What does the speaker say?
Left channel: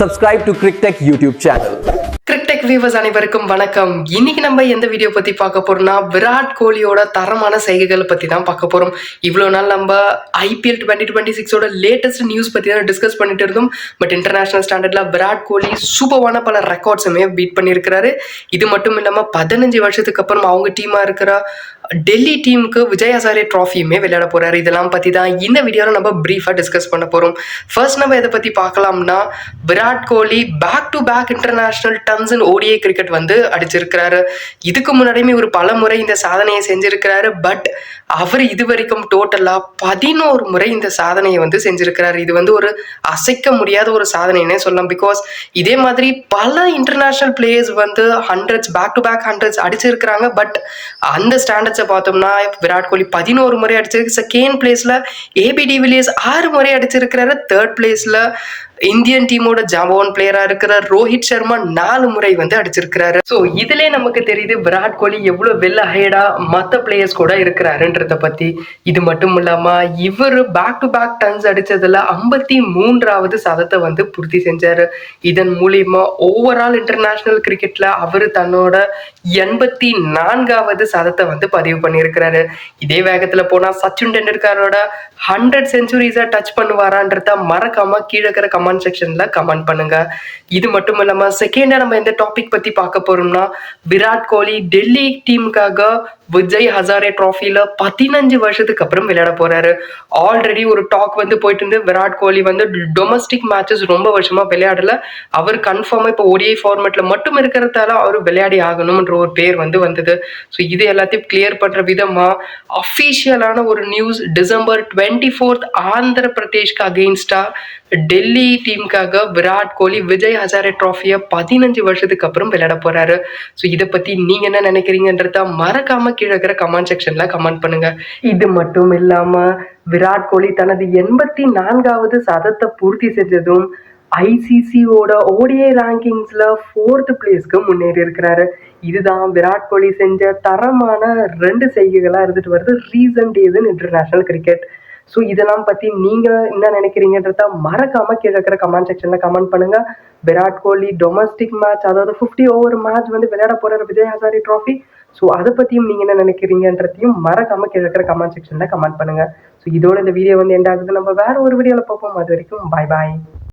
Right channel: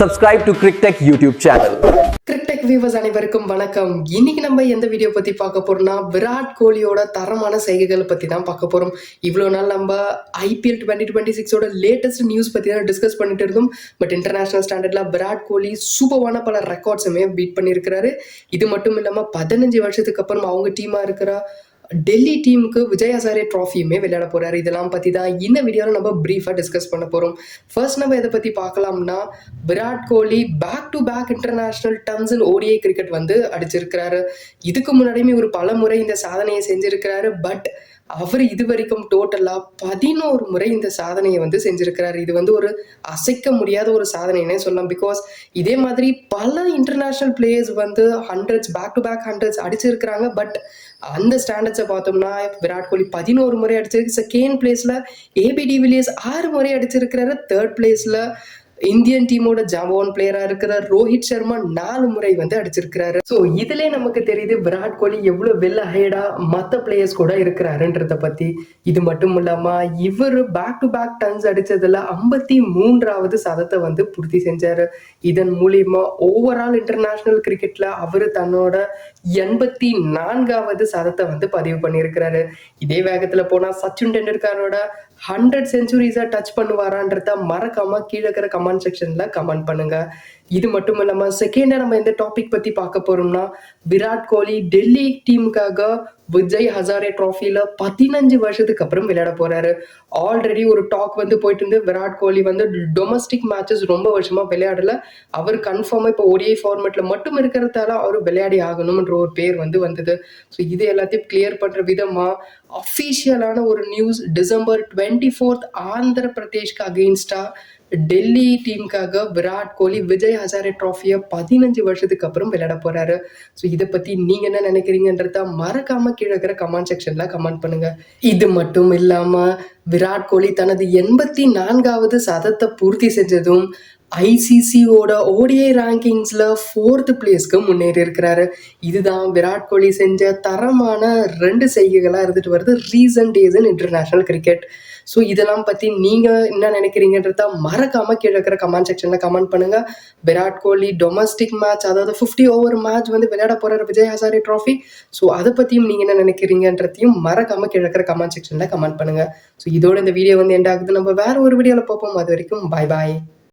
Subscribe to CricTech YouTube channel. CricTech viewers அனைவருக்கும் வணக்கம். இன்னைக்கு நம்ம எந்த வீடியோ பத்தி பார்க்க போறோம்னா விராட் கோலியோட தரமான செய்கைகள் பத்தி தான் பார்க்க போறோம். இவ்வளவு நாள் நம்ம ஐபிஎல் 2026ஓட லேட்டஸ்ட் நியூஸ் பத்தி தான் டிஸ்கஸ் பண்ணிட்டு இருந்தோம். பட் இன்டர்நேஷனல் ஸ்டாண்டர்ட்ல விராட் கோலி சூப்பரான பல ரெக்கார்ட்ஸுமே பீட் பண்ணியிருக்கிறாரு. இது மட்டும் இல்லாம 15 வருஷத்துக்கு அப்புறம் அவங்க டீமா இருக்கிற டெல்லி டீமுக்கு விஜய் ஹசாரே ட்ராஃபியுமே விளையாட போறாரு. இதெல்லாம் பத்தி தான் இந்த வீடியோவில் நம்ம பிரீஃபா டிஸ்கஸ் பண்ண போறோம். ஃபர்ஸ்ட் நம்ம இதை பத்தி பார்க்கலாம்னா Virat Kohli back to back international tons and ODI cricket வந்து அடிச்சிருக்கிறாரு. இதுக்கு முன்னாடியுமே ஒரு பல முறை இந்த சாதனையை செஞ்சிருக்கிறாரு. பட் அவர் இது வரைக்கும் டோட்டலா 11 முறை இந்த சாதனையை வந்து செஞ்சிருக்கிறாரு. இது வந்து ஒரு அசைக்க முடியாத ஒரு சாதனைன்னே சொல்லலாம். பிகாஸ் இதே மாதிரி பல இன்டர்நேஷனல் பிளேயர்ஸ் வந்து hundreds back to back hundreds அடிச்சிருக்கிறாங்க. பட் அந்த ஸ்டாண்டர்ட்ஸை பார்த்தோம்னா விராட் கோலி 11 முறை அடிச்சிருக்கு. செகண்ட் பிளேஸ்ல ஏபி டிவிலியர்ஸ் 6 முறை அடிச்சிருக்கிறாரு. தேர்ட் பிளேஸ்ல இந்தியன் டீமோட ஜாம்பவான் பிளேயரா இருக்கிற ரோஹித் சர்மா 4 முறை வந்து அடிச்சிருக்கிறாரு. ஸோ இதுல நமக்கு தெரியுது விராட் கோலி எவ்வளவு வெல் அஹெடா மற்ற பிளேயர்ஸ் கூட இருக்கிறாருன்றத பத்தி. இது மட்டும் இல்லாம இவர் பேக் டு பேக் டன்ஸ் அடிச்சதுல 53வது சதத்தை வந்து பூர்த்தி செஞ்சாரு. இதன் மூலியமா ஓவரால் இன்டர்நேஷனல் கிரிக்கெட்ல அவர் தன்னோட 84வது சதத்தை வந்து பதிவு பண்ணியிருக்கிறாரு. இதே வேகத்துல போனா சச்சின் டெண்டுல்கரோட 100 செஞ்சுரிஸை டச் பண்ணுவாரான்றத மறக்காம கீழே இருக்கிற கமெண்ட் செக்ஷன்ல கமெண்ட் பண்ணுங்க. இது மட்டும் இல்லாம செகண்டா நம்ம எந்த டாபிக் பத்தி பார்க்க போறோம்னா விராட் கோலி டெல்லி டீமுக்காக விஜய் ஹசாரே ட்ராஃபில 15 வருஷத்துக்கு அப்புறம் விளையாட போறாரு. ஆல்ரெடி ஒரு டாக் வந்து போயிட்டு இருந்து விராட் கோலி வந்து டொமஸ்டிக் மேட்சஸ் ரொம்ப வருஷமா விளையாடல. அவர் கன்ஃபார்மா இப்போ ஓடிஐ ஃபார்மேட்ல மட்டும் இருக்கிறதால அவர் விளையாடி ஆகணும்ன்ற ஒரு பேர் வந்து வந்தது. ஸோ இது எல்லாத்தையும் கிளியர் பண்ற விதமா அஃபீஷியலான ஒரு நியூஸ் டிசம்பர் 24 ஆந்திர பிரதேஷ்க்கு அகெயின்ஸ்டா டெல்லி டீமுக்காக விராட் கோலி விஜய் ஹசாரே ட்ராஃபியை 15 வருஷத்துக்கு அப்புறம் விளையாட போறாரு. ஸோ இதை பத்தி நீங்க என்ன நினைக்கிறீங்கன்றத மறக்காம கீழே இருக்கிற கமெண்ட் செக்ஷன்ல கமெண்ட் பண்ணுங்க. இது மட்டும் இல்லாம விராட் கோலி தனது 84வது சதத்தை பூர்த்தி செஞ்சதும் ஐசிசியோட ஓடிஐ ரேங்கிங்ஸ்ல 4th பிளேஸ்க்கு முன்னேறி இருக்கிறாரு. இதுதான் விராட் கோலி செஞ்ச தரமான 2 செய்கைகளா இருந்துட்டு வருது recent days in international cricket. So இதெல்லாம் பத்தி நீங்க என்ன நினைக்கிறீங்கன்றத மறக்காம கீழே இருக்கிற கமெண்ட் செக்ஷன்ல கமெண்ட் பண்ணுங்க. விராட் கோலி டொமஸ்டிக் மேட்ச், அதாவது 50 ஓவர் மேட்ச் வந்து விளையாட போறாரு விஜய் ஹசாரே ட்ராஃபி. ஸோ அதை பத்தியும் நீங்க என்ன நினைக்கிறீங்கன்றதையும் மறக்காம கீழே இருக்கிற கமெண்ட் செக்ஷன்ல கமெண்ட் பண்ணுங்க. ஸோ இதோட இந்த வீடியோ வந்து எண்ட் ஆகுது. நம்ம வேற ஒரு வீடியோல பார்ப்போம். அது வரைக்கும் பாய் பாய்.